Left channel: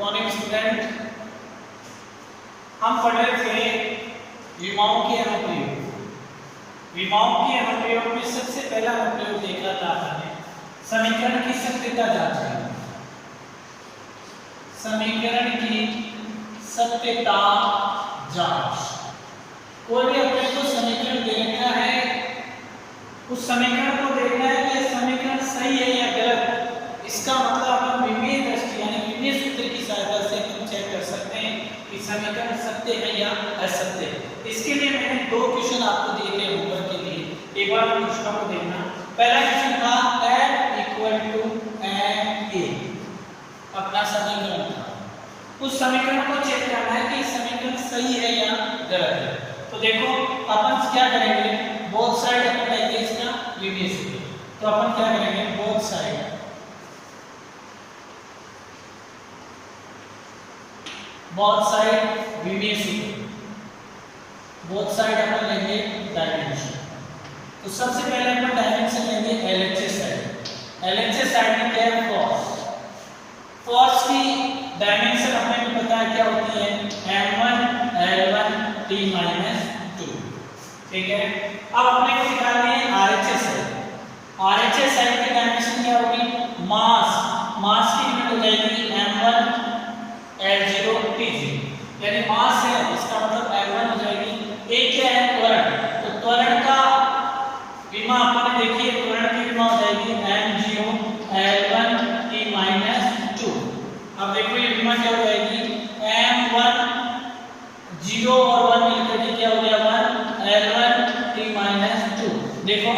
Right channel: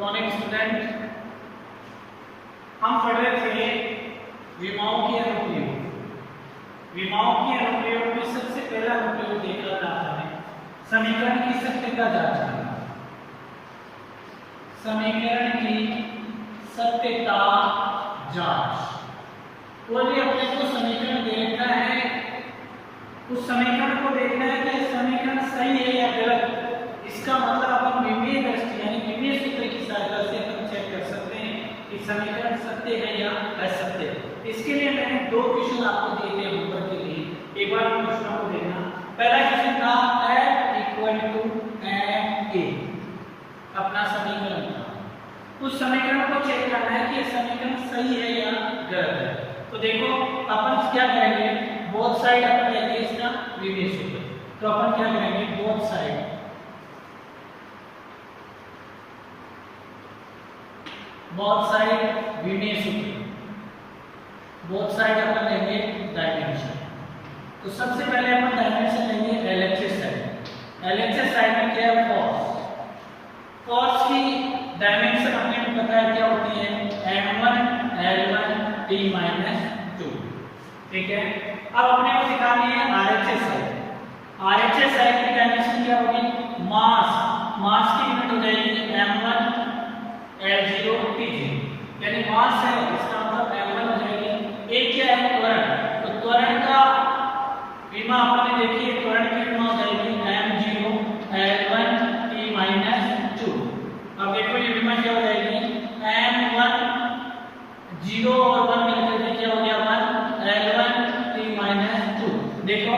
Morning student, हम पढ़ रहे थे विमाओं के अनुप्रयोग। विमाओं के अनुप्रयोग में सबसे पहला अनुप्रयोग देखा था हमने समीकरण की सत्यता जांच करना। समीकरण की सत्यता जांच। कोई भी अपने को समीकरण दे रखा है, उस समीकरण को देखना है कि यह समीकरण सही है या गलत। इसका मतलब हम विमीय दृष्टि यानी विमीय सूत्र की सहायता से हम चेक कर सकते हैं कि समीकरण सत्य है या असत्य है। इसके लिए मैंने दो क्वेश्चन आपको दिए थे होमवर्क के लिए। एक बार उन क्वेश्चनों को देखना। पहला क्वेश्चन था f = ma, अपना समीकरण था। उस समीकरण को चेक करना है कि समीकरण सही है या गलत है। तो देखो अपन क्या करेंगे, बोथ साइड अपन लेंगे इसका विमीय सूत्र। तो अपन क्या करेंगे, बोथ साइड विमीय सूत्र, बोथ साइड अपन लेंगे डायमेंशन। तो सबसे पहले अपन डायमेंशन लेंगे LHS साइड। LHS साइड में क्या है, फोर्स। फोर्स की डायमेंशन हमें भी पता है क्या होती है, m1 l1 t-2। ठीक है। अब अपने को निकालनी है RHS साइड। RHS साइड की डायमेंशन क्या होगी, मास की यूनिट हो जाएगी m1 l0 t0, यानी मास है इसका मतलब m1 हो जाएगी। एक क्या है, त्वरण। तो त्वरण का विमा आपने देखिए, त्वरण की विमा हो जाएगी m0 l1 t-2। अब देखो ये विमा क्या हो जाएगी, m1 0 और 1 मिलकर के क्या हो गया, 1 l1 t-2। देखो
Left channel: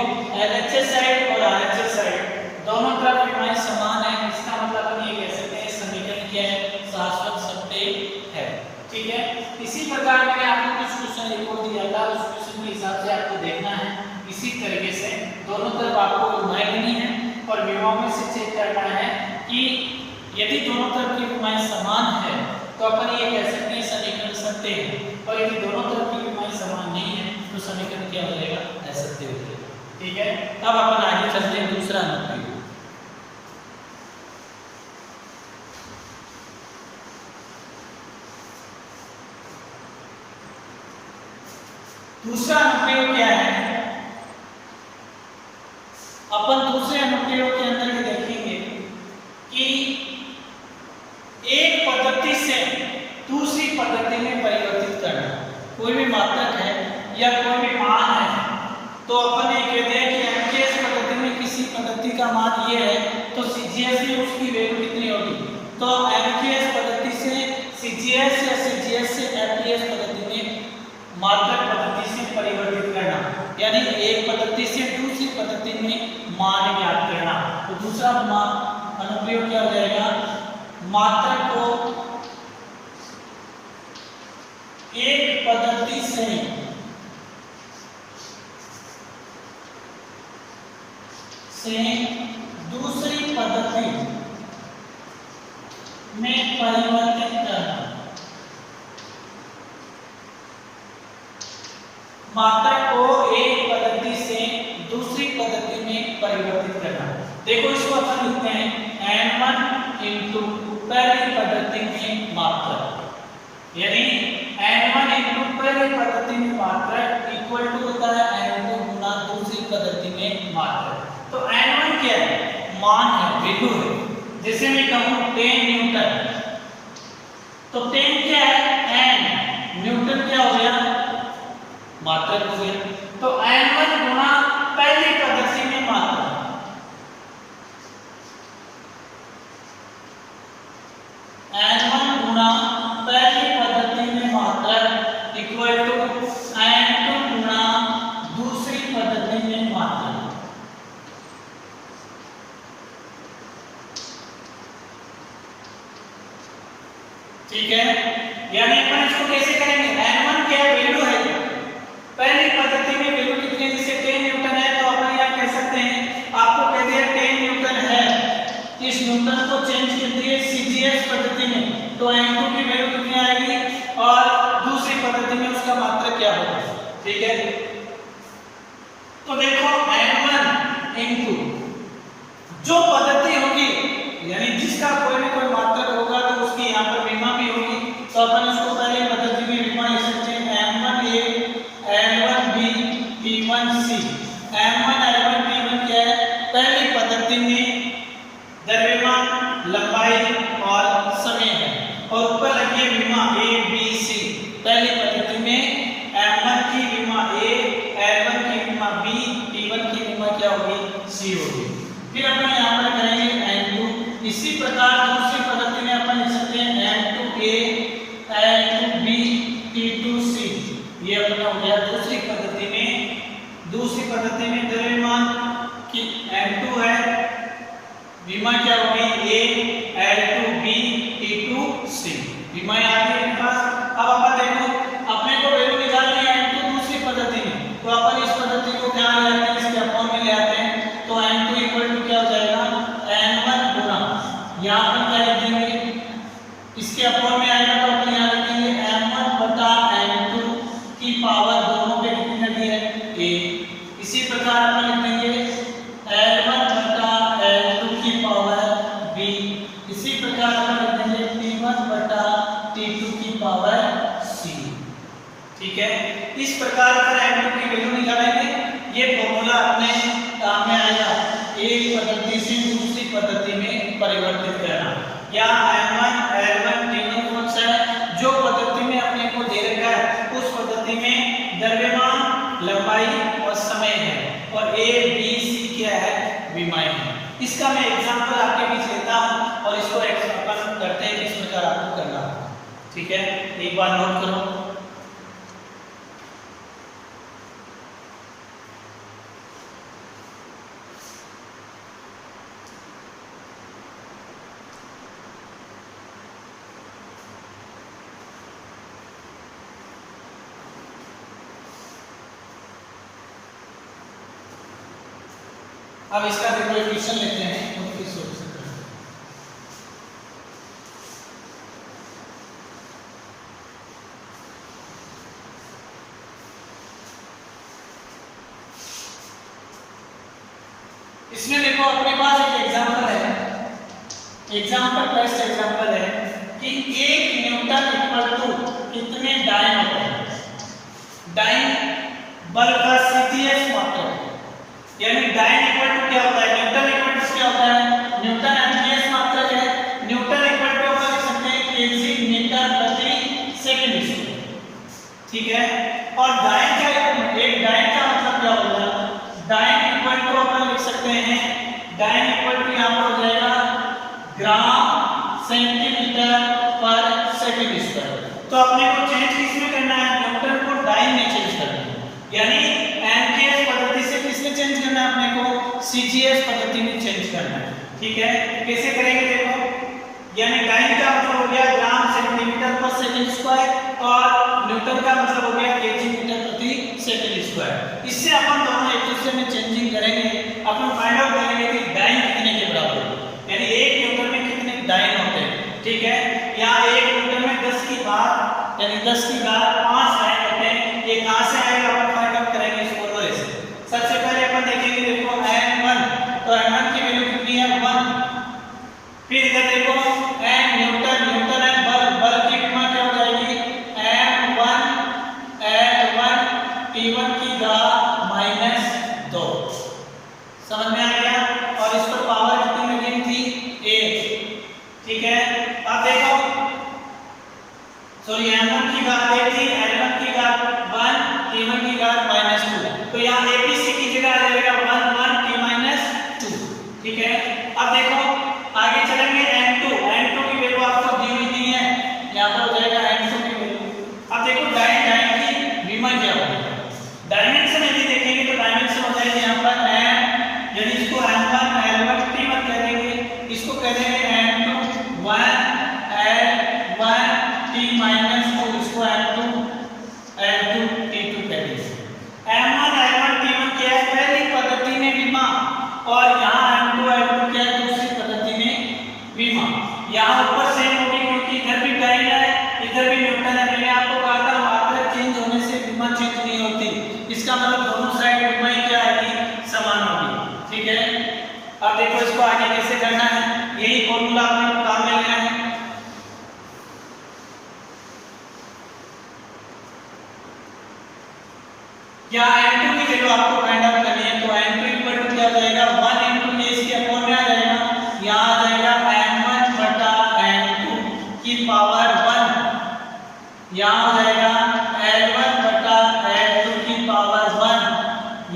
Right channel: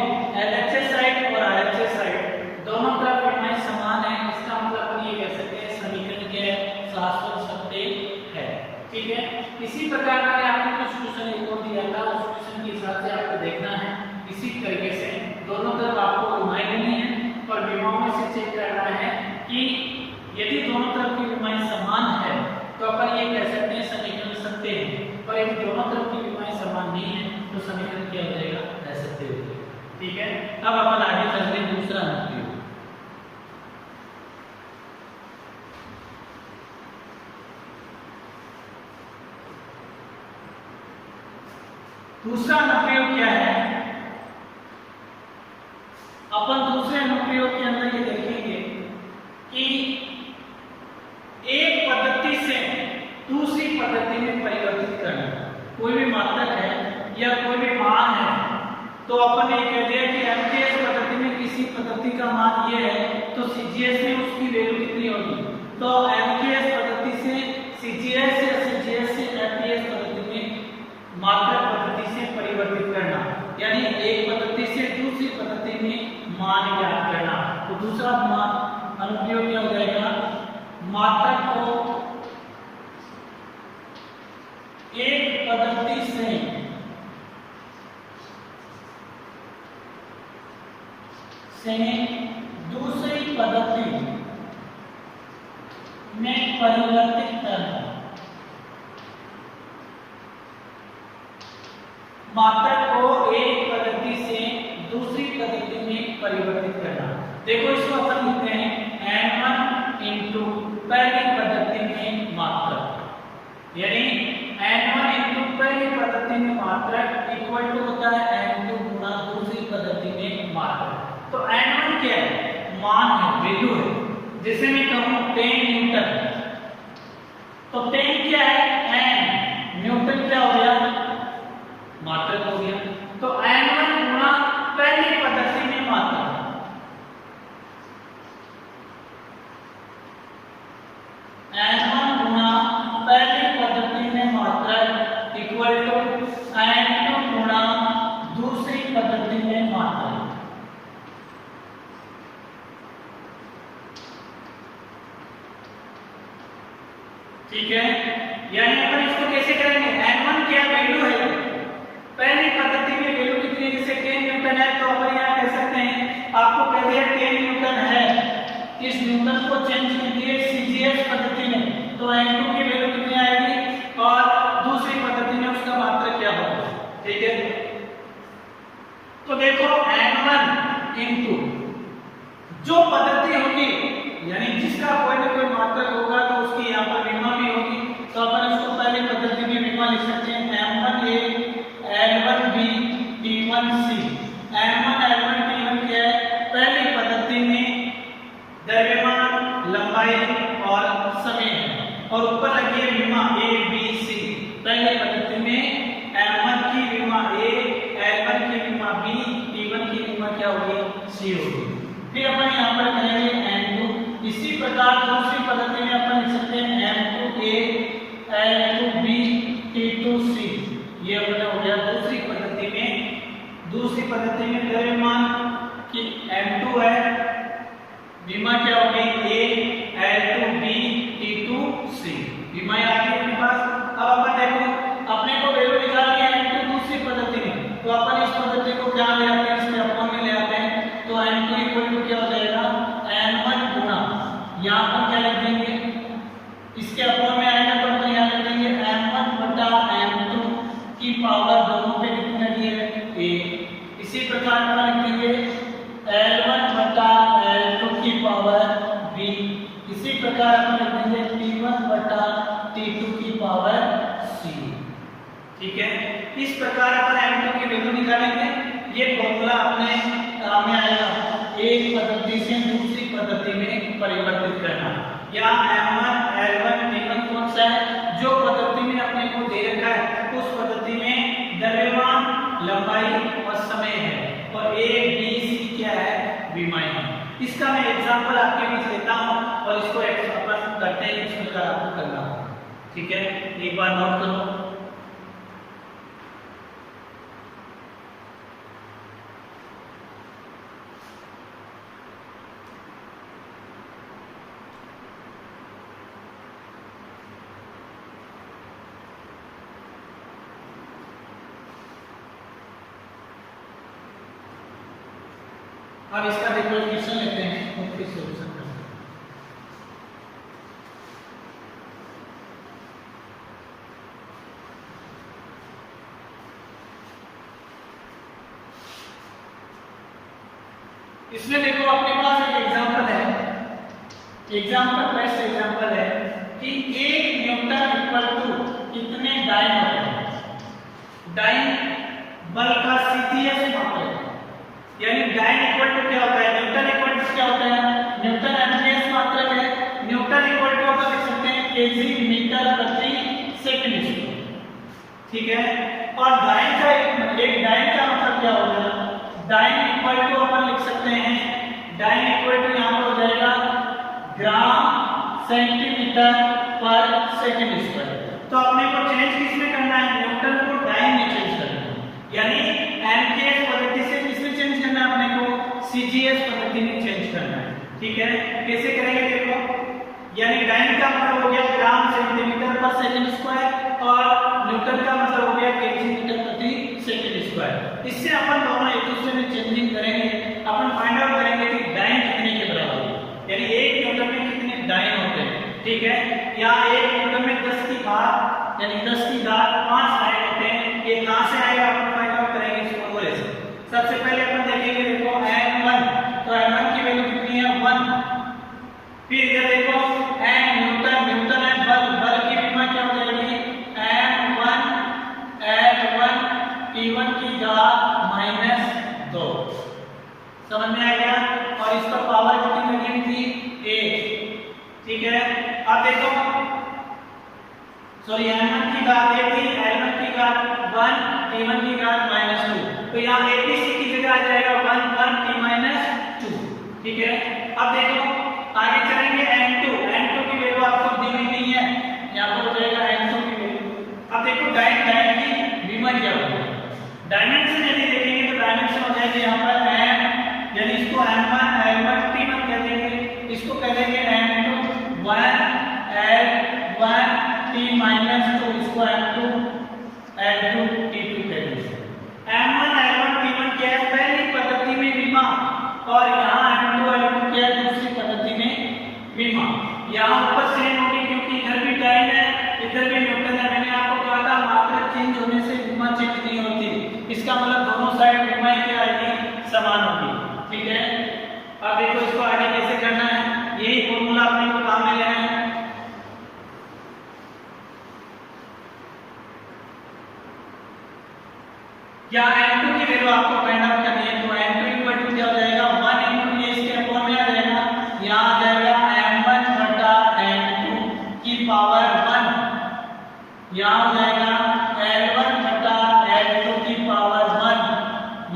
LHS साइड और RHS साइड दोनों तरफ विमाएं समान है। इसका मतलब हम ये कह सकते हैं समीकरण क्या है, शाश्वत सत्य है। ठीक है। इसी प्रकार में आपने कुछ क्वेश्चन एक और दिया था, उस क्वेश्चन के हिसाब से आपको देखना है। इसी तरीके से दोनों तरफ आपको विमाएं लेनी है और विमाओं में से चेक करना है कि यदि दोनों तरफ की विमाएं समान है तो अपन ये कह सकते हैं समीकरण सत्य है। और यदि दोनों तरफ की विमाएं समान नहीं है तो समीकरण क्या हो जाएगा, असत्य हो जाएगा। ठीक है। अब अपन आगे चलते हैं दूसरा अनुप्रयोग। दूसरा अनुप्रयोग क्या है, अपन दूसरे अनुप्रयोग के अंदर ये देखेंगे कि एक पद्धति से दूसरी पद्धति में परिवर्तित करना। कोई भी मात्रक है या कोई भी मान है तो अपन ये कहते हैं कि MKS पद्धति में किसी पद्धति का मान ये है तो CGS में उसकी वैल्यू कितनी होगी। तो MKS पद्धति से CGS या CGS से MPS पद्धति में मात्रक पद्धति से परिवर्तित करना, यानी एक पद्धति से दूसरी पद्धति में मान ज्ञात करना। तो दूसरा अनुप्रयोग क्या हो जाएगा, मात्रक को एक पद्धति से दूसरी पद्धति में परिवर्तित करना। मात्रक को एक पद्धति से दूसरी पद्धति में परिवर्तित करना। देखो इसको अपन लिखते हैं n1 इंटू पहली पद्धति में मात्रक, यानी n1 इंटू पहली पद्धति में मात्रक इक्वल टू होता है n2 गुना दूसरी पद्धति में मात्रक। तो n1 क्या है, मान है, वैल्यू है। जैसे मैं कहूं 10 न्यूटन, तो 10 क्या है, n, न्यूटन क्या हो गया, मात्रक हो गया। तो n1 गुना पहली पद्धति में मात्रक, n1 गुना पहली पद्धति में मात्रक इक्वल टू n2 गुना दूसरी पद्धति में मात्रक। ठीक है। यानी अपन इसको कैसे करेंगे, n1 क्या वैल्यू है, पहली पद्धति में वैल्यू कितनी, जैसे 10 न्यूटन है तो अपन यहां कह सकते हैं, आपको कह दिया 10 न्यूटन है, इस न्यूटन को चेंज कर दिए CGS पद्धति में तो n2 की वैल्यू कितनी आएगी और दूसरी पद्धति में उसका मात्रक क्या होगा। ठीक है। तो देखो n1 इंटू जो पद्धति होगी, यानी जिसका कोई ना कोई मात्रक होगा तो उसकी यहाँ पर अपन इसको पहले पद्धति में विमा लिख सकते हैं M1A L1B T1C। M1 L1 T1 क्या है? पहली पद्धति में द्रव्यमान, लंबाई और समय है, और ऊपर लगी विमा A B C। पहली पद्धति में M1 की विमा A, L1 की विमा B, T1 की विमा क्या होगी? C होगी। फिर अपन यहाँ पर करेंगे M2। इसी प्रकार दूसरी पद्धति में अपन लिख सकते हैं M2A L2B T2C। ये अपना हो गया दूसरी पद्धति में। दूसरी पद्धति में द्रव्यमान की M2 है, विमा क्या हो गई? A L2B T2C। विमा आ गई अपने पास। अब अपन देखो अपने को वैल्यू निकालनी है M2 दूसरी पद्धति में, तो अपन इस पद्धति को क्या ले आते हैं? इसके अपॉन में ले आते हैं। तो M2 इक्वल टू क्या हो जाएगा? N1 गुना, यहाँ अपन क्या लिख देंगे? इसके अपॉन में आएगा तो अपन यहाँ लिख देंगे M1 बटा M2 की पावर दोनों पे कितनी लगी है? A। इसी प्रकार अपन लिख देंगे L1 बटा L2 की पावर B। इसी प्रकार अपन लिख देंगे T1 बटा T2 की पावर C। ठीक है, इस प्रकार अपन M2 की वैल्यू निकालेंगे। ये फॉर्मूला अपने में आएगा एक पद्धति से दूसरी पद्धति में परिवर्तित करना। या M1 L1 T1 कौन सा है? जो पद्धति में अपने को दे रखा है उस पद्धति में द्रव्यमान, लंबाई और समय है, और A B C क्या है? विमाएं हैं। इसका मैं एग्जांपल आपके बीच लेता हूं और इसको अपन करते हैं किस प्रकार आपको करना है। ठीक है, एक बार नोट करो। अब इसका देखो इक्वेशन लेते हैं और फिर सॉल्यूशन करते हैं। इसमें देखो अपने पास एक एग्जांपल है, एग्जांपल बेस्ट एग्जांपल है कि 1 न्यूटन इक्वल टू कितने डाइन होते हैं? डाइन बल का सीजीएस मात्रक, यानी डाइन इक्वल टू क्या होता है? न्यूटन इक्वल टू क्या होता है? न्यूटन एमजीएस मात्रक है। न्यूटन इक्वल टू अपन लिख सकते हैं केजी मीटर प्रति सेकंड स्क्वायर। ठीक है, और डाइन का एक डाइन का मतलब क्या होगा? डाइन इक्वल टू अपन लिख सकते हैं, डाइन इक्वल टू यहाँ पर हो जाएगा ग्राम सेंटीमीटर पर सेकंड स्क्वायर। तो अपने को चेंज किसमें करना है? न्यूटन को डाइन में चेंज करना है, यानी एमजीएस पद्धति से किसमें चेंज करना है? अपने को सीजीएस पद्धति में चेंज करना है। ठीक है, कैसे करेंगे देखो, यानी डाइन का मतलब हो गया ग्राम सेंटीमीटर पर सेकंड स्क्वायर और न्यूटन का मतलब हो गया केजी मीटर प्रति सेकंड स्क्वायर। इससे अपन दोनों एक दूसरे में चेंजिंग करेंगे, अपन फाइंड आउट करेंगे कि डाइन कितने के बराबर है, यानी 1 न्यूटन में कितने डाइन होते हैं। ठीक है, यहाँ 1 न्यूटन में 10 की घात यानी 10 की घात 5 डाइन होते हैं। ये कहां से आएगा अपन फाइंड आउट करेंगे इस फॉर्मूले से। सबसे पहले अपन देखेंगे देखो n1, तो n1 की वैल्यू कितनी है? 1। फिर इधर देखो n न्यूटन, न्यूटन है बल, बल की विमा क्या हो जाएगी? m1 L1 T1 की घात -2। समझ में आ गया? और इस पर पावर कितनी लगी थी? 1। ठीक है, अब देखो सॉरी m1 की घात 1 थी, L1 की घात 1, T1 की घात -2, तो यहाँ ABC की जगह आ जाएगा 1 1 T-2। ठीक है, अब देखो आगे चलेंगे n2, n2 की वैल्यू आपको दी हुई नहीं है, यहाँ पर हो जाएगा n2 की वैल्यू। अब देखो डाइन, डाइन की विमा क्या होगी? डायमेंशन यदि देखेंगे तो डायमेंशन हो जाएगी यहाँ पर m, यानी इसको m1 L1 T1 कह देंगे, इसको कह देंगे m2 1 L1 T-2, इसको m2 L2 T2 कह देंगे। m1 L1 T1 क्या है? पहली पद्धति में विमा, और यहाँ m2 L2 क्या है? दूसरी पद्धति में विमा। यहाँ ऊपर सेम होगी क्योंकि इधर भी डाइन है इधर भी न्यूटन है। मैंने आपको कहा था मात्रक चेंज होने से विमा चेंज नहीं होती, इसका मतलब दोनों साइड विमा क्या आएगी? समान होगी। ठीक है, अब देखो इसको आगे कैसे करना है, यही फॉर्मूला अपने को काम में लेना है। या n2 की वैल्यू आपको फाइंड आउट करनी है, तो n2 इक्वल टू क्या हो जाएगा 1 into ये इसके अपॉन में आ जाएगा, यहाँ आ जाएगा m1 बटा n2 की पावर 1, यहाँ हो जाएगा l1 बटा l2 की पावर 1,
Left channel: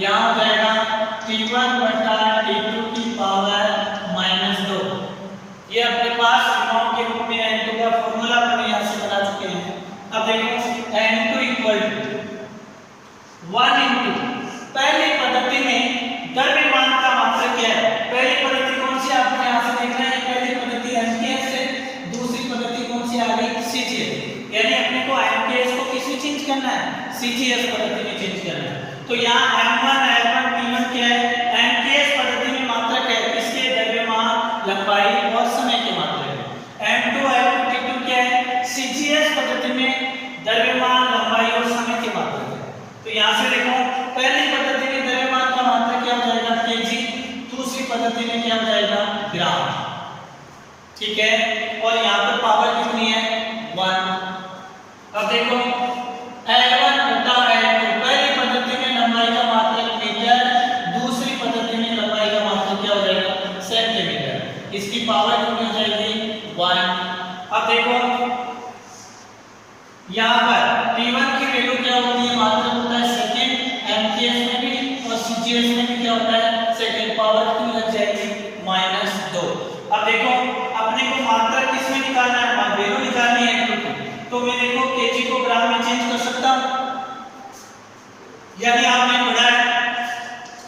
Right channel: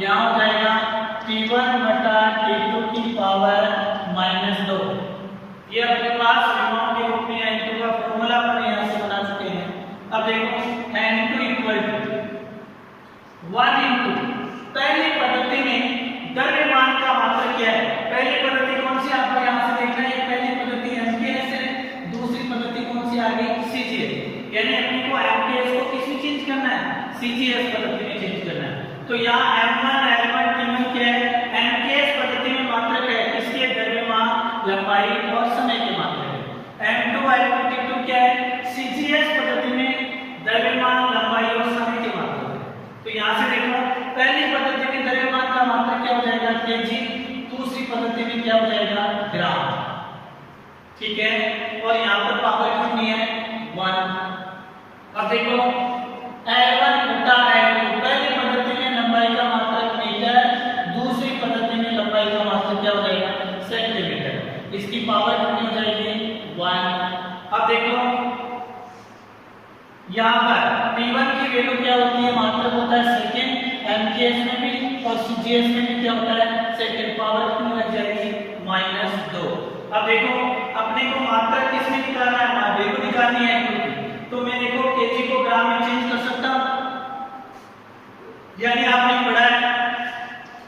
यहाँ हो जाएगा t1 बटा t2 की पावर -2। ये अपने पास सिग्माओं के रूप में n2 का फॉर्मूला अपन यहाँ से बना चुके हैं। अब देखो n2 इक्वल टू 1 into पहली पद्धति में द्रव्यमान का मात्रक क्या है, पहली पद्धति कौन सी आपको यहाँ से देखना है, पहली पद्धति MKS है, दूसरी पद्धति कौन सी आ गई CGS, यानी अपने को MKS को किस में चेंज करना है, CGS पद्धति में चेंज करना है। तो यहाँ M1 L1 T1 क्या है, MKS पद्धति में मात्रक है किसके, द्रव्यमान लंबाई और समय के मात्रक है। M2 L2 T2 क्या है, CGS पद्धति में द्रव्यमान लंबाई और समय के मात्रक। तो यहाँ से देखो पहली पद्धति में द्रव्यमान का मात्रक क्या हो जाएगा केजी, दूसरी पद्धति में क्या हो जाएगा ग्राम, ठीक है। और यहाँ पर पावर कितनी है 1। अब देखो L1 बटा L2, पहली पद्धति में लंबाई का मात्रक मीटर, दूसरी पद्धति में लंबाई का मात्रक क्या हो जाएगा सेंटीमीटर, इसकी पावर कितनी हो जाएगी 1। अब देखो यहाँ पर T1 की वैल्यू क्या होती है, मात्रक होता है सेकंड, MKS में भी और CGS में भी क्या होता है सेकंड, पावर कितनी लग जाएगी -2। अब देखो अपने को मात्रक किसमें निकालना है, वैल्यू निकालनी है Q2, तो मैं देखो kg को ग्राम में चेंज कर सकता हूँ, यानी आपने पढ़ा है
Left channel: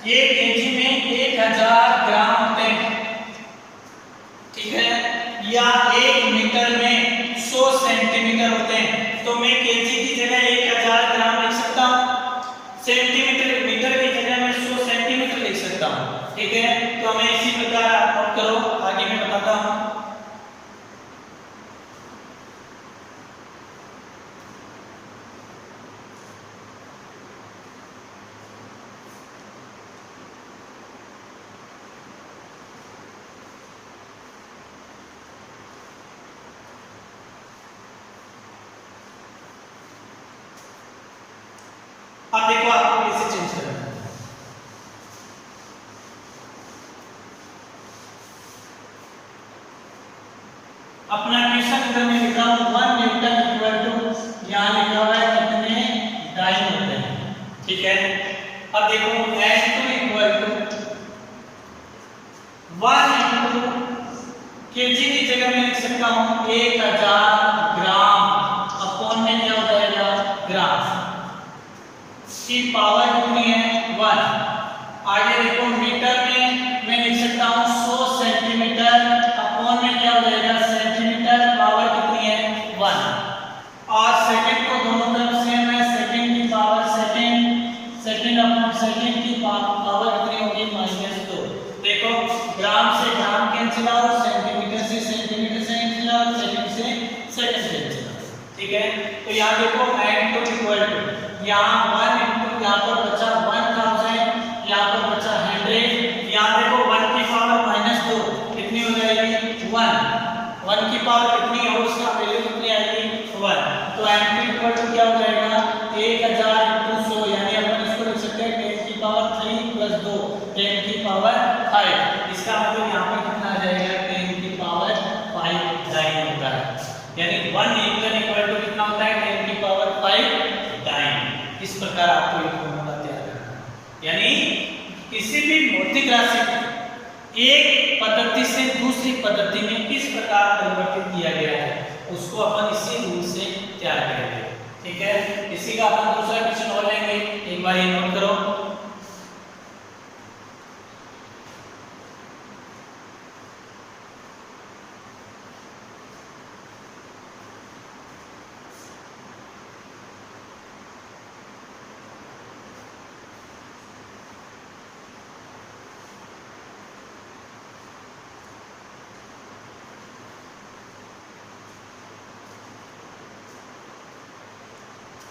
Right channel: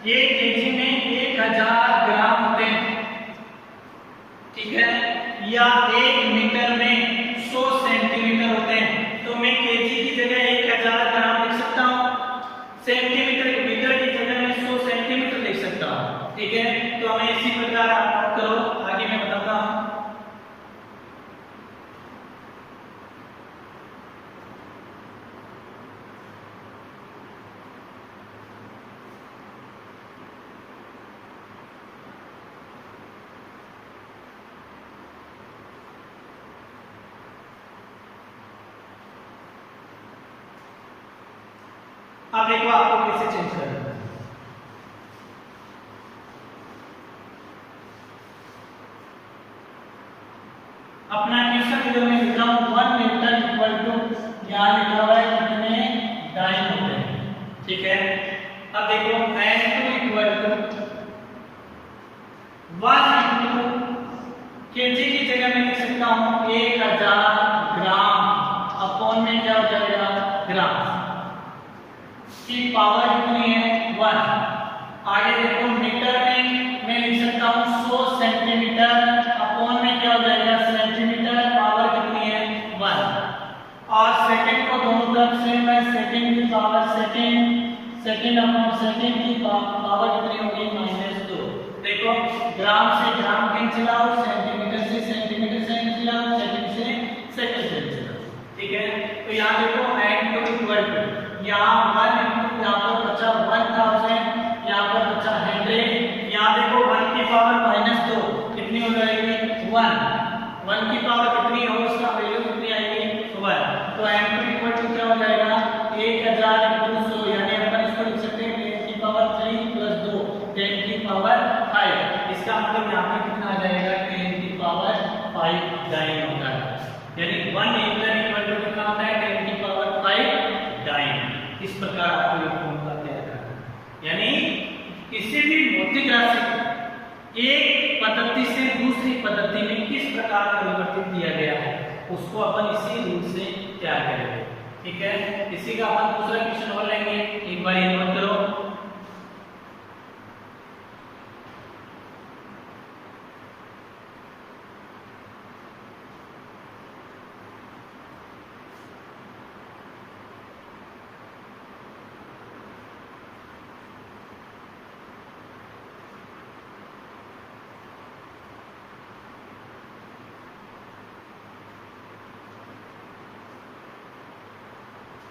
ये kg में 1000 ग्राम होते हैं, ठीक है, या 1 मीटर में 100 सेंटीमीटर होते हैं। तो मैं केजी की जगह 1000 ग्राम लिख सकता हूँ, सेंटीमीटर मीटर की जगह मैं 100 सेंटीमीटर लिख सकता हूँ, ठीक है। तो हमें इसी प्रकार आप नोट करो, आगे मैं बताता हूँ। अब देखो आपको कैसे चेंज करना है। अपना क्वेश्चन इधर में लिख रहा हूं 1 न्यूटन इक्वल टू, यहां लिखा हुआ है कितने डाइन होते हैं, ठीक है। अब देखो n2 equal to 1 into KG की जगह मैं लिख सकता हूं 1000 ग्राम, अपॉन में क्या हो जाएगा ग्राम, की पावर कितनी है 1। आगे देखो मीटर में मैं लिख सकता हूँ 100 सेंटीमीटर, अपॉन में क्या हो जाएगा सेंटीमीटर, पावर कितनी है 1। और सेकंड को दोनों तरफ से मैं सेकंड की पावर सेकंड अपॉन सेकंड की पावर कितनी होगी -2। देखो ग्राम से ग्राम कैंसिल आउट, सेंटीमीटर से सेंटीमीटर कैंसिल आउट, सेकंड से सेकंड कैंसिल आउट, ठीक है। तो यहाँ देखो n2 इक्वल टू, यहाँ 1 into यहाँ पर बचा 1000, यहाँ पर बचा 100, यहाँ देखो 1 की पावर -2 कितनी हो जाएगी 1 की पावर कितनी हो उसका वैल्यू कितनी आएगी 1। तो n2 इक्वल टू क्या हो जाएगा 1000 into 100, यानी अपन इसको लिख सकते हैं 10 की पावर 3 + 2 10 की पावर 5, इसका मतलब यहाँ पर कितना आ जाएगा 10 की पावर 5 डाइन होता है, यानी 1 न्यूटन इक्वल टू कितना होता है 10 की पावर 5 डाइन। इस प्रकार आपको एक फॉर्मूला तैयार करना है, यानी किसी भी भौतिक राशि को एक पद्धति से दूसरी पद्धति में किस प्रकार परिवर्तित किया गया है उसको अपन इसी रूप से तैयार करेंगे, ठीक है। इसी का अपन दूसरा क्वेश्चन और लेंगे, एक बार नोट करो।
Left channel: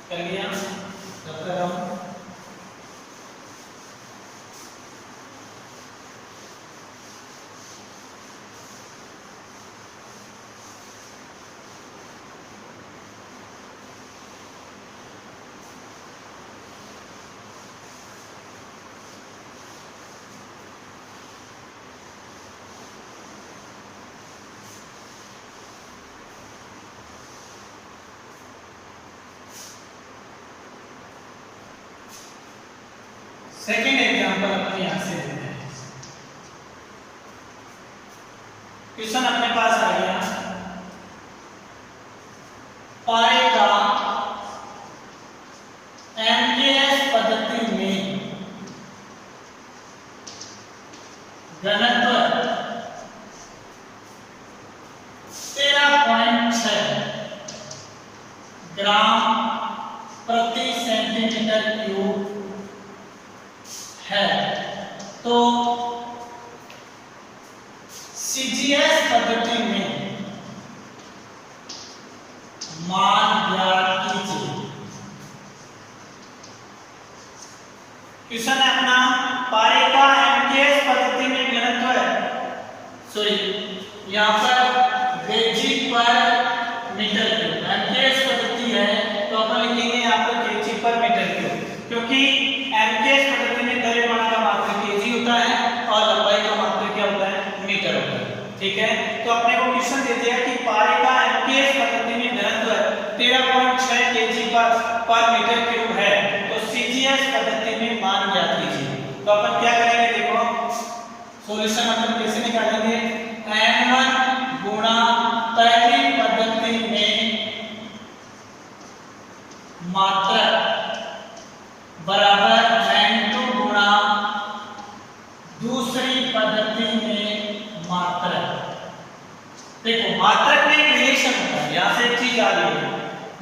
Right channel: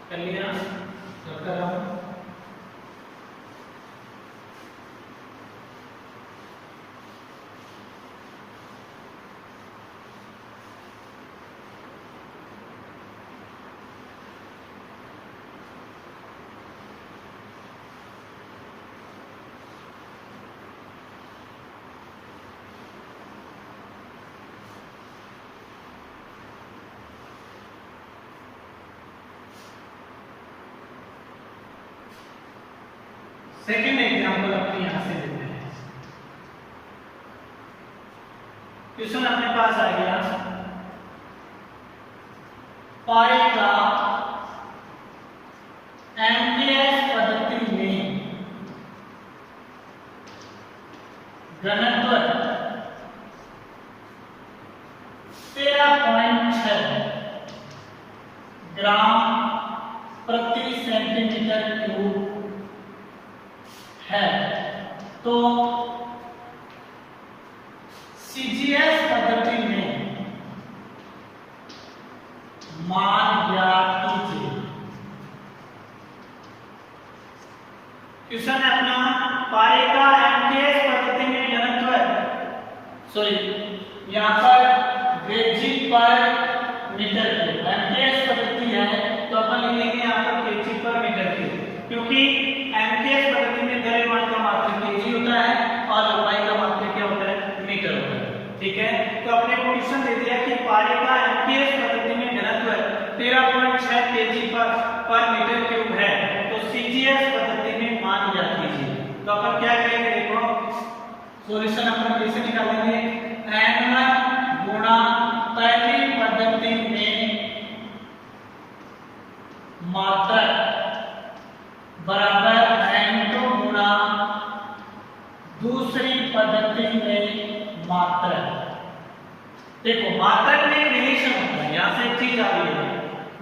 कर लिया, करते रहो। सेकेंड एग्जांपल अपने यहां से लेते हैं। क्वेश्चन अपने पास आ गया, पारे का एमकेएस पद्धति में घनत्व 13.6 ग्राम प्रति सेंटीमीटर क्यूब है, तो सीजीएस पद्धति में मान ज्ञात कीजिए। क्वेश्चन है अपना, पारे का एमकेएस पद्धति में घनत्व, सॉरी यहाँ पर केजी पर मीटर क्यूब, एमकेएस पद्धति है तो अपन लिखेंगे यहाँ पर केजी पर मीटर क्यूब, क्योंकि एमकेएस पद्धति में द्रव्यमान का मात्रक केजी होता है और लंबाई का मात्रक क्या होता है, मीटर होता है। ठीक है, तो अपने को क्वेश्चन दे दिया कि पारे का एमकेएस पद्धति में घनत्व 13.6 केजी पर मीटर क्यूब है, तो सीजीएस पद्धति में मान ज्ञात कीजिए। तो अपन क्या करेंगे, देखो सॉल्यूशन अपन कैसे निकालेंगे, n1 गुणा पहली पद्धति में मात्रक बराबर n2 गुणा दूसरी पद्धति में मात्रक। देखो मात्रक में एक रिलेशन होता है, यहां से एक चीज आ रही है,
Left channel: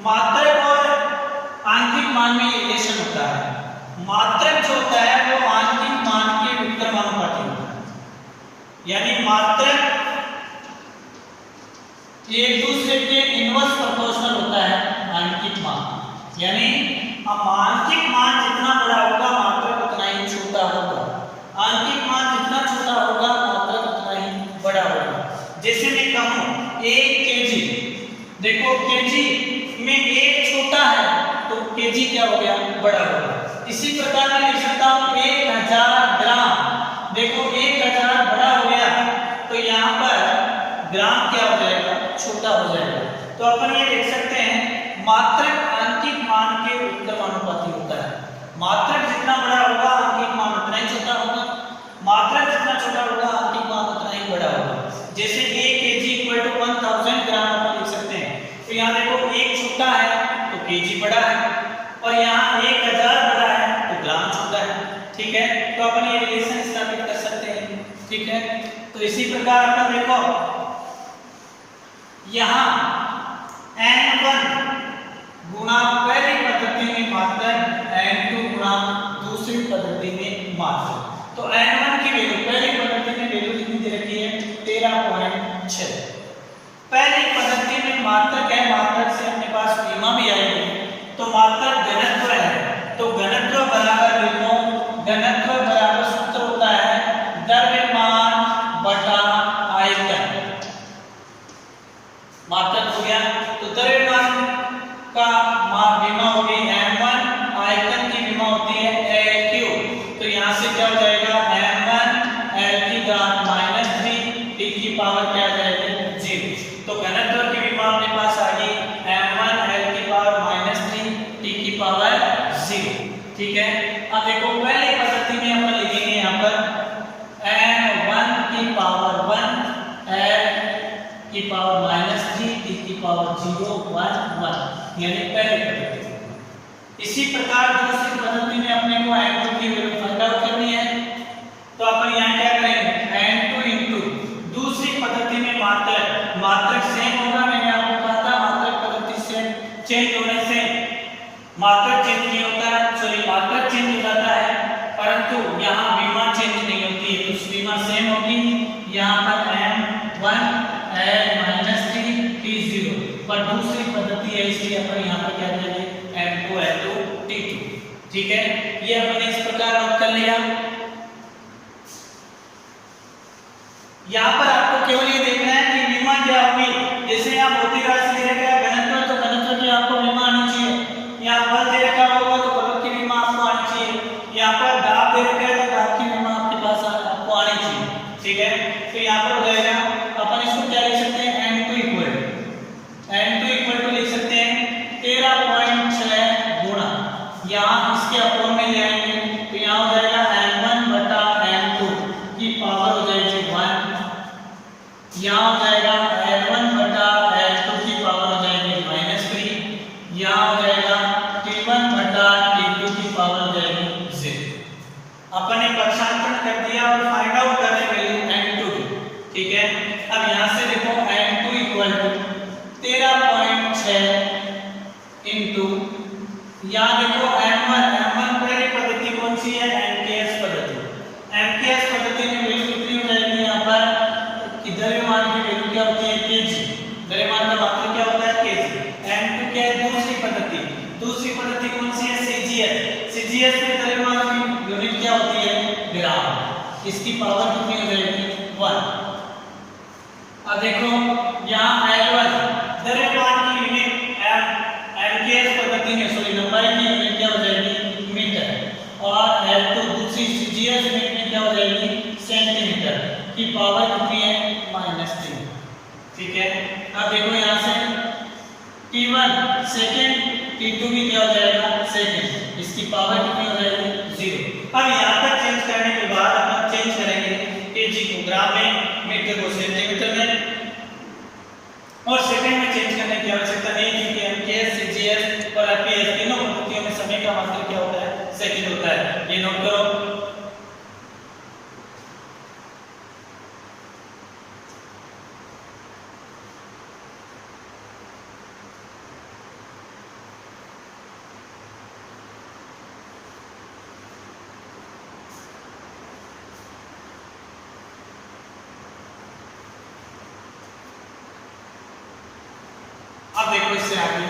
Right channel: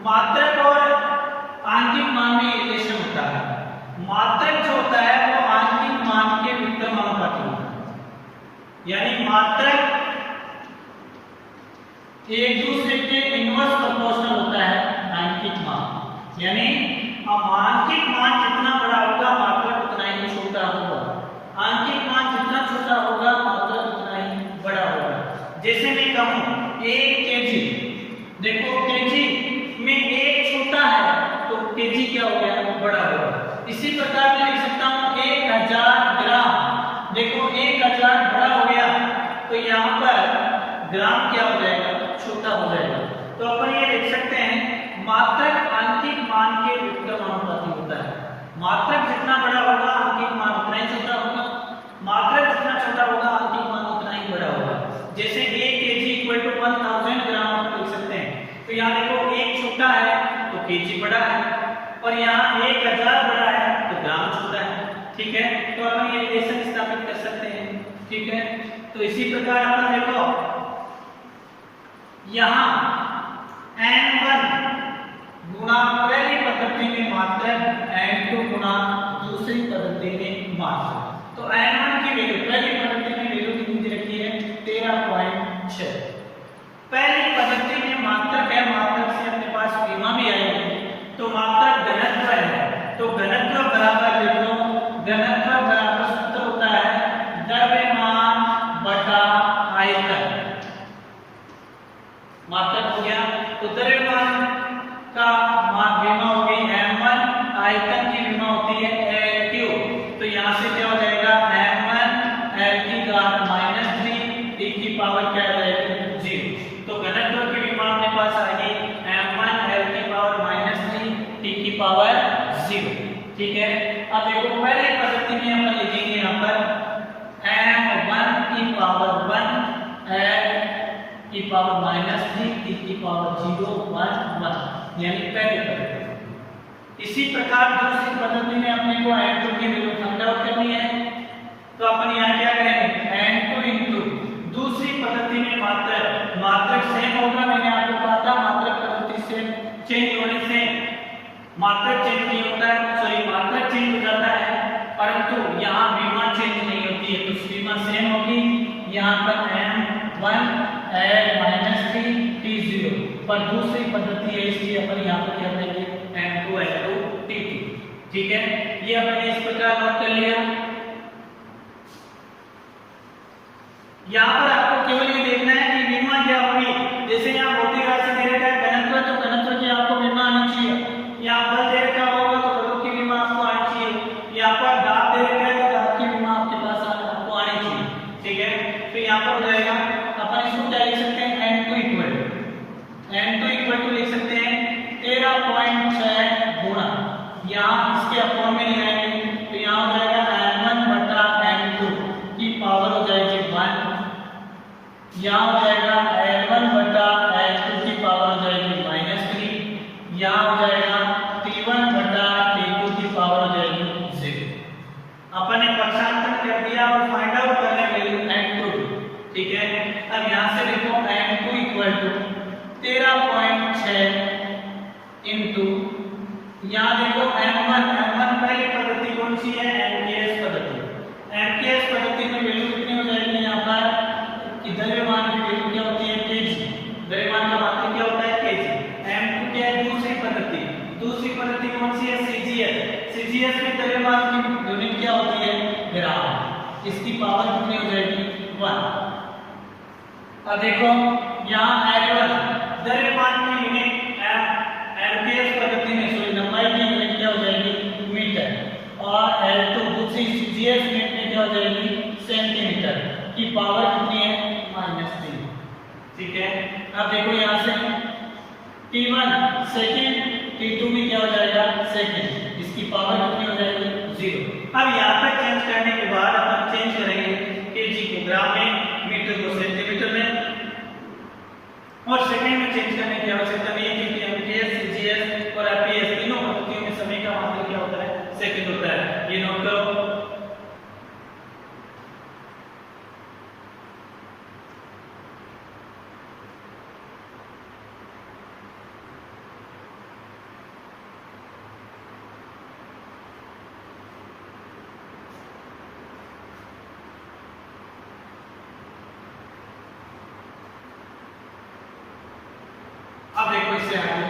मात्रक और आंतरिक मान में रिलेशन होता है। मात्रक जो होता है वो आंतरिक मान के व्युत्क्रमानुपाती होता है, यानी मात्रक एक दूसरे के इनवर्स प्रोपोर्शनल होता है आंतरिक मान, यानी आंतरिक मान जितना बड़ा होगा मात्रक उतना ही छोटा होगा, आंतरिक मान जितना छोटा होगा मात्रक उतना ही बड़ा होगा। जैसे मैं कहूं 1 केजी, देखो केजी में 1 छोटा है तो केजी क्या हो गया, बड़ा होगा। इसी प्रकार मैं लिख सकता हूं 1000 ग्राम, देखो 1000 बड़ा हो गया तो यहाँ पर ग्राम क्या हो जाएगा, छोटा हो जाएगा। तो अपन ये देख सकते हैं मात्रक आंतरिक मान के व्युत्क्रमानुपाती होता है, मात्रक जितना बड़ा होगा आंतरिक मान उतना ही छोटा होगा, मात्रक जितना छोटा होगा आंतरिक मान उतना ही बड़ा होगा। जैसे 1 केजी इक्वल टू 1000 ग्राम अपन लिख सकते हैं, तो यहाँ देखो 1 छोटा है तो केजी बड़ा है, और यहाँ 1000 बड़ा है तो ग्राम छोटा है। ठीक है, तो अपन ये रिलेशन स्थापित कर सकते हैं। ठीक है, तो इसी प्रकार अपन देखो यहाँ n1 गुणा पहली पद्धति में मात्रक, n2 गुणा दूसरी पद्धति में मात्रक। तो n1 की वैल्यू पहली पद्धति में वैल्यू कितनी दे रखी है, 13.6। पहली पद्धति में मात्रक है, मात्रक से अपने पास सीमा भी आएगी, तो मात्रक घनत्व है, तो घनत्व बराबर लिखो, घनत्व बराबर सूत्र होता है द्रव्यमान बटा आयतन। मात्रक हो गया तो द्रव्यमान का विमा होगी m1, आयतन की विमा होती है L3, तो यहाँ से क्या हो जाएगा m1 L की घात -3 t की पावर क्या आ जाएगी 0। तो घनत्व की विमा अपने पास आ गई m1 L की पावर -3 t की पावर 0। ठीक है, अब देखो पहली पद्धति में अपन लिखेंगे यहाँ पर m1 की पावर 1 L की पावर -3 t की पावर 0 1 1, यानी पहली पद्धति। इसी प्रकार दूसरी पद्धति में अपने को n2 की वैल्यू फाइंड आउट करनी है, तो अपन यहाँ क्या करेंगे n2 इंटू दूसरी पद्धति में मात्रक सेम होगा। मैंने आपको कहा था मात्रक पद्धति से चेंज होने से मात्रक चेंज नहीं होता है, सॉरी मात्रक चेंज हो जाता है, परंतु यहाँ विमा चेंज नहीं होती है, तो विमा सेम होगी। यहाँ पर m1 L -3 t0, पर दूसरी पद्धति है इसलिए अपन यहाँ पर क्या करेंगे m2 L2 t2। ठीक है, ये अपने इस प्रकार नोट कर लिया। यहाँ पर आपको केवल ये देखना है कि विमा क्या होगी। जैसे यहाँ भौतिक राशि दे रखा है घनत्व, तो घनत्व की आपको विमा आनी चाहिए। यहाँ बल दे रखा होगा तो बल की विमा आपको आनी चाहिए। यहाँ पर दाब दे रखा है तो दाब की विमा आपके पास आपको आनी चाहिए। ठीक है, तो यहाँ पर हो जाएगा, अपन इसको क्या लिख सकते हैं n2 इक्वल टू लिख सकते हैं 13.6 गुणा, यहाँ इसके अपोन में ले आएंगे तो यहाँ हो जाएगा 0.6 इंटू, यहाँ देखो M1 पहली पद्धति कौन सी है, MKS पद्धति। MKS पद्धति में वैल्यू कितनी हो जाएगी, यहाँ पर द्रव्यमान की वैल्यू क्या होती है, केजी। द्रव्यमान का मात्रक क्या होता है, केजी। M2 क्या है, दूसरी पद्धति कौन सी है, CGS में द्रव्यमान की यूनिट क्या होती है, ग्राम। इसकी पावर कितनी हो जाएगी, 1। अब देखो यहाँ L1 द्रव्यमान की यूनिट MKS पद्धति में लंबाई की यूनिट क्या हो जाएगी, मीटर, और L2 दूसरी CGS यूनिट में क्या हो जाएगी, सेंटीमीटर। की पावर कितनी है, -3। ठीक है। अब देखो यहाँ से T1 सेकंड, T2 भी क्या हो जाएगा, सेकंड। इसकी पावर कितनी हो जाएगी, 0। अब यहाँ पर चेंज करने के बाद अपन चेंज करेंगे kg को ग्राम में, मीटर को सेंटीमीटर में, और सेकंड में चेंज करने की आवश्यकता नहीं है, क्योंकि MKS, CGS और FPS तीनों पद्धतियों में समय का मात्रक क्या होता है, सेकंड होता है। ये नोट करो। अब देखो इससे आगे,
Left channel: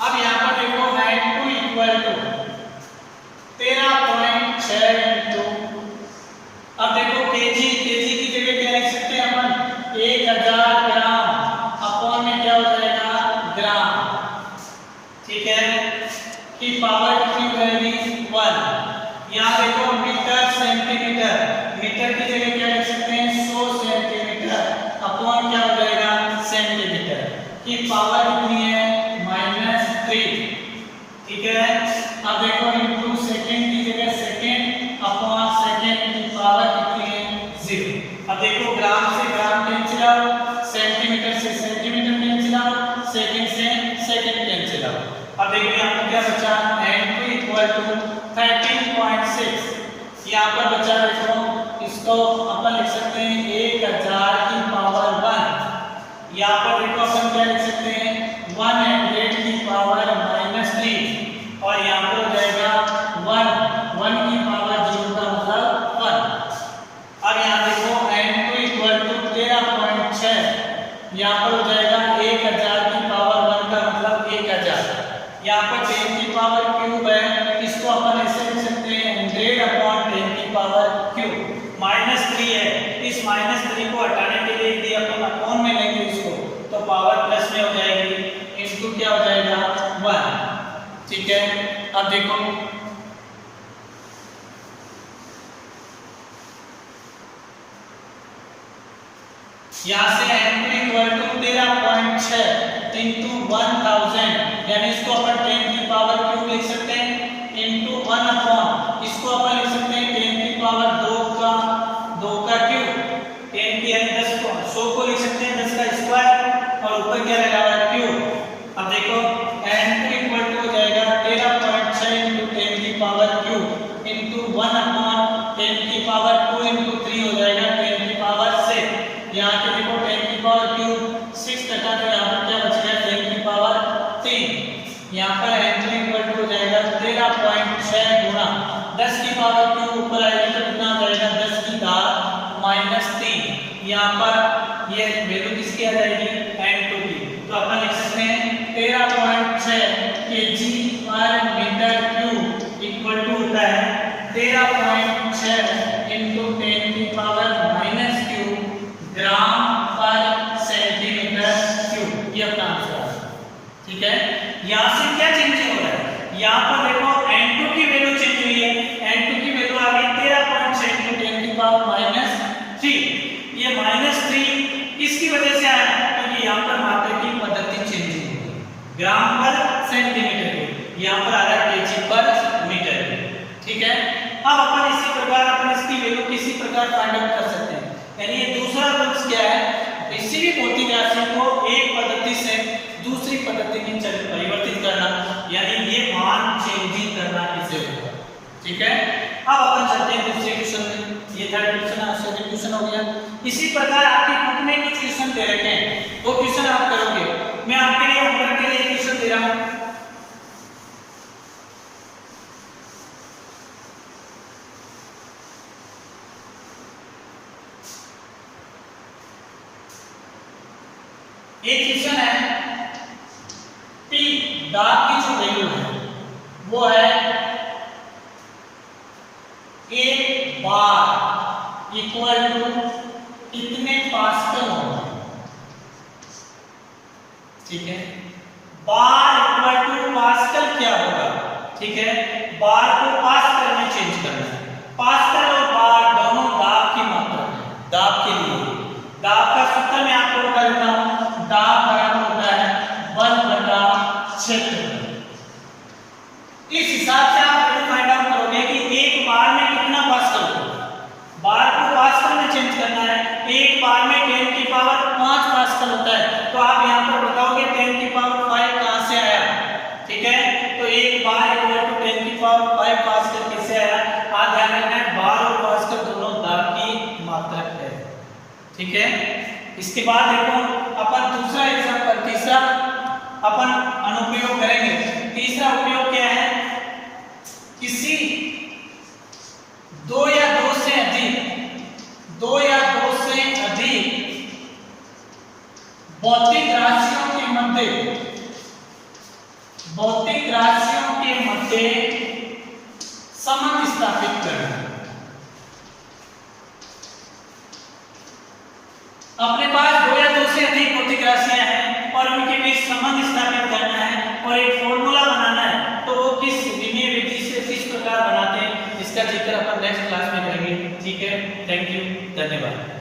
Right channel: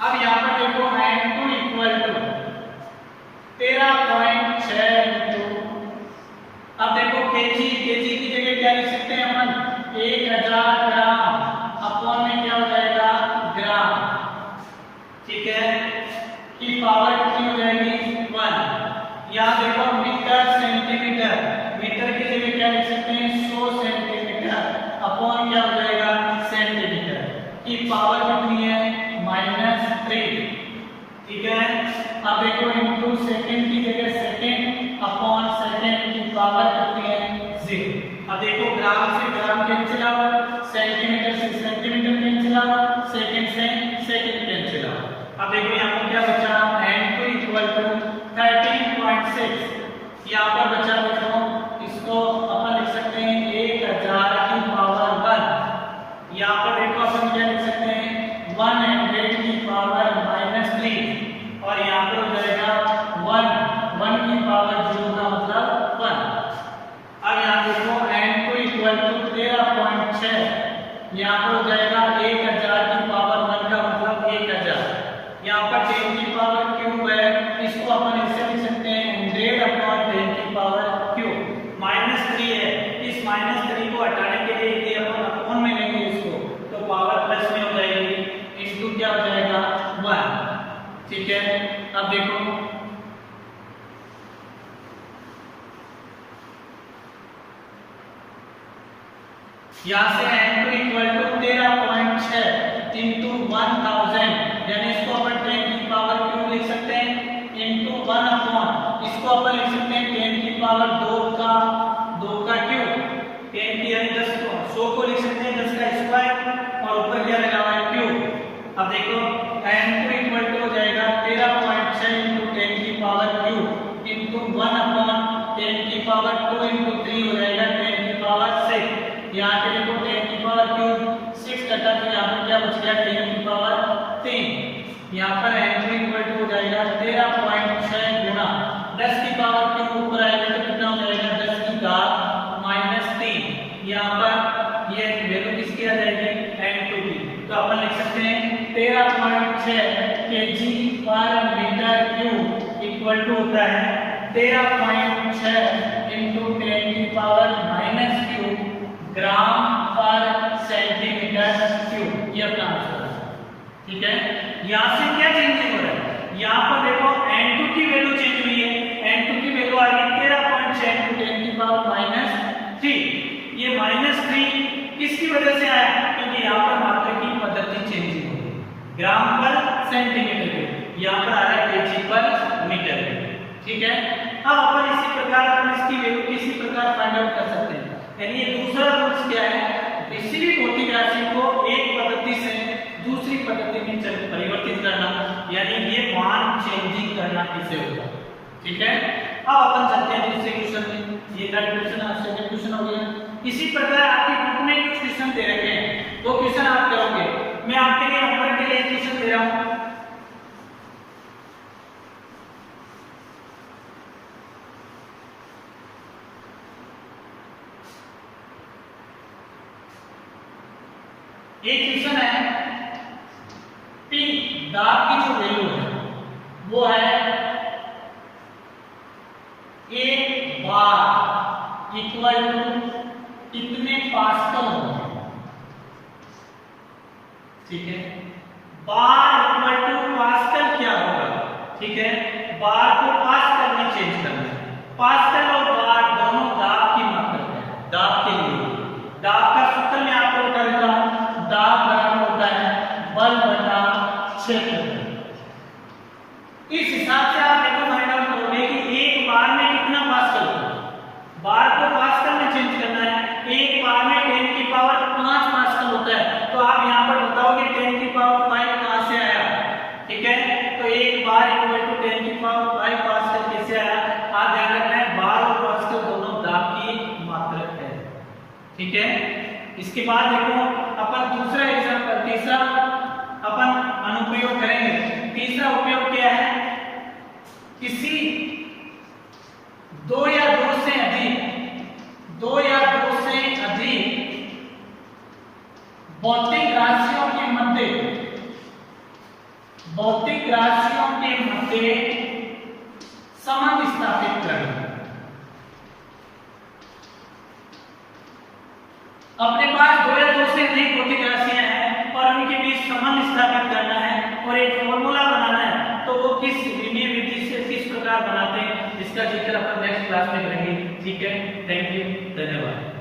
अब यहाँ पर देखो N2 इक्वल टू 13.6 इंटू, अब देखो केजी की जगह क्या लिख सकते हैं अपन, 1000 ग्राम अपॉन में क्या हो जाएगा, ग्राम। ठीक है। की पावर कितनी हो जाएगी, 1। यहाँ देखो मीटर सेंटीमीटर, मीटर की जगह क्या लिख सकते हैं, 100 सेंटीमीटर अपॉन क्या हो जाएगा, सेंटीमीटर। की पावर कितनी है, -3। ठीक है। अब देखो इंटू सेकंड की जगह सेकंड अपॉन सेकंड, की पावर कितनी है, 0। अब देखो ग्राम से ग्राम कैंसिल आउट, सेंटीमीटर से सेंटीमीटर कैंसिल आउट, सेकंड से सेकंड कैंसिल आउट। अब देखो यहाँ पर क्या बचा, N2 इक्वल टू 13.6। यहाँ पर बचा, देखो इसको अपन लिख सकते हैं 1000 की पावर 1। यहाँ पर देखो अपन क्या लिख सकते हैं, 100 की पावर -3, और यहाँ पर हो जाएगा 1 की पावर 0 का मतलब 1। अब यहाँ देखो N2 इक्वल टू 13.6, यहाँ पर हो जाएगा 1000 की पावर 1 का मतलब 1000। यहाँ पर 10 की पावर क्यूब है, इसको अपन ऐसे लिख सकते हैं 100 अपॉन 10 की पावर क्यूब। -3 है, इस -3 को हटाने के लिए यदि अपन अपॉन में लेंगे इसको, तो पावर प्लस में हो जाएगी, इंटू क्या हो जाएगा, 1। ठीक है। अब देखो यहाँ से N2 इक्वल टू 13.6 इंटू 1000, यानी इसको अपन 10 की पावर क्यूब लिख सकते हैं, इंटू 1 अपॉन, इसको अपन लिख सकते हैं 10 की पावर 2 का क्यूब, 10 की यानी 10 को 100 को लिख सकते हैं 10 का स्क्वायर, और ऊपर क्या लगा हुआ है, क्यूब। अब देखो N2 इक्वल टू हो जाएगा 13.6 इंटू 10 की पावर क्यूब इंटू 1 अपॉन 10 की पावर 2 इंटू 3 हो जाएगा 10 की पावर 6। यहाँ पे देखो 10 की पावर क्यूब 6 कटा, तो यहाँ पर क्या बच गया, 10 की पावर 3। यहाँ पर N2 इक्वल टू हो जाएगा 13.6 गुणा 10 की पावर क्यूब ऊपर आएगा तो कितना हो जाएगा, 10 की घात -3। यहाँ पर ये वैल्यू किसकी आ जाएगी, N2 की। तो अपन लिख सकते हैं 13.6 kg पर मीटर क्यूब इक्वल टू होता है 13.6 इंटू 10 की पावर -क्यूब ग्राम पर सेंटीमीटर क्यूब। ये अपना आंसर है। ठीक है। यहाँ से क्या चेंज हो रहा है, यहाँ पर देखो N2 की वैल्यू चेंज हुई है, N2 की वैल्यू आ गई 13.6 इंटू 10 की पावर -3। ये -3 किसकी वजह से आया, क्योंकि यहाँ पर मात्रक की पद्धति चेंज हो गई, ग्राम पर सेंटीमीटर पे, यहाँ पर आ रहा है kg पर मीटर। ठीक है। अब अपन इसी प्रकार अपन इसकी वैल्यू किसी प्रकार फाइंड आउट कर सकते हैं, यानी ये दूसरा रूल क्या है, किसी भी भौतिक राशि को एक पद्धति से दूसरी पद्धति में परिवर्तित करना, यानी ये मान करना इससे होगा। ठीक है, अब अपन चलते हैं दूसरे क्वेश्चन में। ये थर्ड क्वेश्चन और सेकंड क्वेश्चन हो गया। इसी प्रकार आपकी बुक में कुछ क्वेश्चन दे रखे हैं, वो क्वेश्चन आप करोगे। मैं आपके लिए होमवर्क के लिए क्वेश्चन दे रहा हूं। एक क्वेश्चन है टी दाब की जो वैल्यू है वो है 1 बार इक्वल टू कितने पास्कल होगा। ठीक है, बार इक्वल टू पास्कल क्या होगा। ठीक है, बार को पास्कल में चेंज करना है। पास्कल और बार दोनों दाब की मात्रा है। दाब के लिए दाब का सूत्र मैं आपको बता देता हूं। दाब बराबर होता है बल बटा क्षेत्र। इस हिसाब से आप ये फाइंड आउट करोगे कि एक बार में कितना पास्कल होगा। बार को पास्कल में चेंज करना है। एक बार में 10 की पावर 5 पास्कल होता है, तो आप यहां पर बताओगे 10 की पावर 5 कहां से आया। ठीक है, तो एक बार इक्वल टू 10 की पावर 5 पास्कल कैसे आया। आप ध्यान रखना है बार और पास्कल दोनों दाब की मात्रक है। ठीक है, इसके बाद देखो अपन दूसरा एग्जांपल, तीसरा अपन अनुप्रयोग करेंगे। तीसरा उपयोग क्या है, किसी दो या दो से अधिक भौतिक राशियों के मध्य संबंध स्थापित करना। अपने पास दो या दो से अधिक भौतिक राशियां हैं और उनके बीच संबंध स्थापित करना है और एक फॉर्मूला बनाना है। तो वो किस विधि से किस प्रकार बनाते हैं, इसका जिक्र अपन नेक्स्ट क्लास में करेंगे। ठीक है, थैंक यू, धन्यवाद।